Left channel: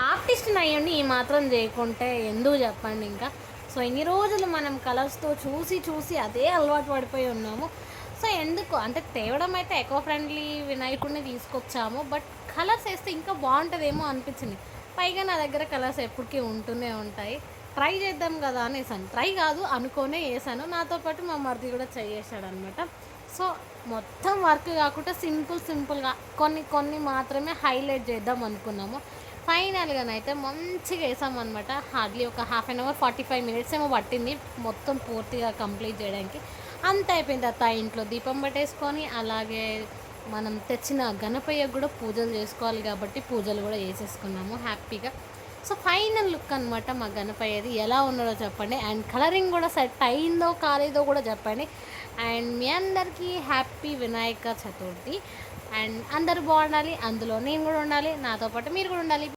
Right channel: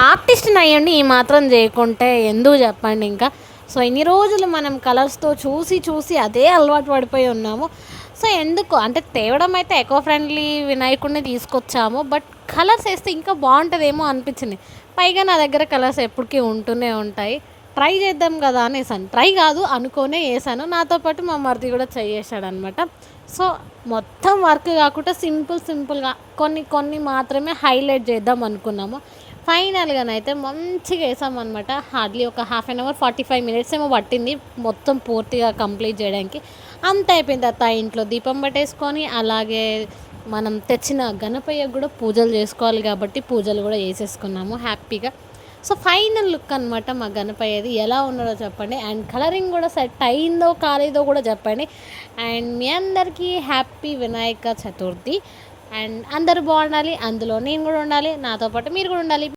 ఆర్టిస్ట్‌ని అయ్యుండి ఈ మాత్రం చేయకుంటే ఎందుకు చెప్పండి ఇంకా. సో, ఇన్ని రోజులు మనం కలర్స్‌తో చూసి, చూసి అదే అలవాటు పడిపోయి ఉన్నాము. సో, ఎందుకు అంటే తేవడం అయితే ఎకో ఫ్రెండ్లీ వినాయకుడిని తీసుకొచ్చాము. బట్ కలర్స్ ఏస్తే ఇంకా బావుంటదేమో అనిపించింది. పైగా నా దగ్గర కలర్స్ ఎప్పటికి ఉంటూనే ఉంటాయి. ట్రై చేద్దాం కదా అనేసాను. ట్రై కాదు అనుకోనే ఏసాను. నాతో పాటు మా మరిది కూడా చేయేసాడనమాట. సో, మొత్తం వర్క్ కాకుండా సింపుల్‌గా కొన్ని, కొన్ని మాత్రమే హైలైట్ చేద్దాం అనుకున్నాము. ఫైనల్‌గానైతే మంచిగా ఏసామనమాట. హార్డ్‌లీ ఒక హాఫ్ అన్ అవర్, 45 మినిట్స్ ఏమో పట్టింది మొత్తం పూర్తిగా కంప్లీట్ జేయడానికి. అంతా అయిపోయిన తర్వాత ఇంట్లో దీపం పెట్టేసుకొని, అలాగే మనం తెచ్చిన గణపయ్యకి గూడా పూజలు జేసుకోవాలి గాబట్టి, పూజలు గూడా చేసేసుకున్నాము హ్యాపీగా. సో, ఫైనల్ లుక్ అనమాట మా గణపయ్యది. ఎలా ఉన్నదో చెప్పండి. అండ్ కలరింగ్ గూడా సెట్ అయిందో, కాలేదో గూడా చెప్పండి. అండ్ మీ అందరికీ హ్యాపీ వినాయక చతుర్థి. అండ్ అందరూ బాగుండాలి, అందులో నేను గూడా ఉండాలి, నాతో పాటు మీరు గూడా ఉండాలి.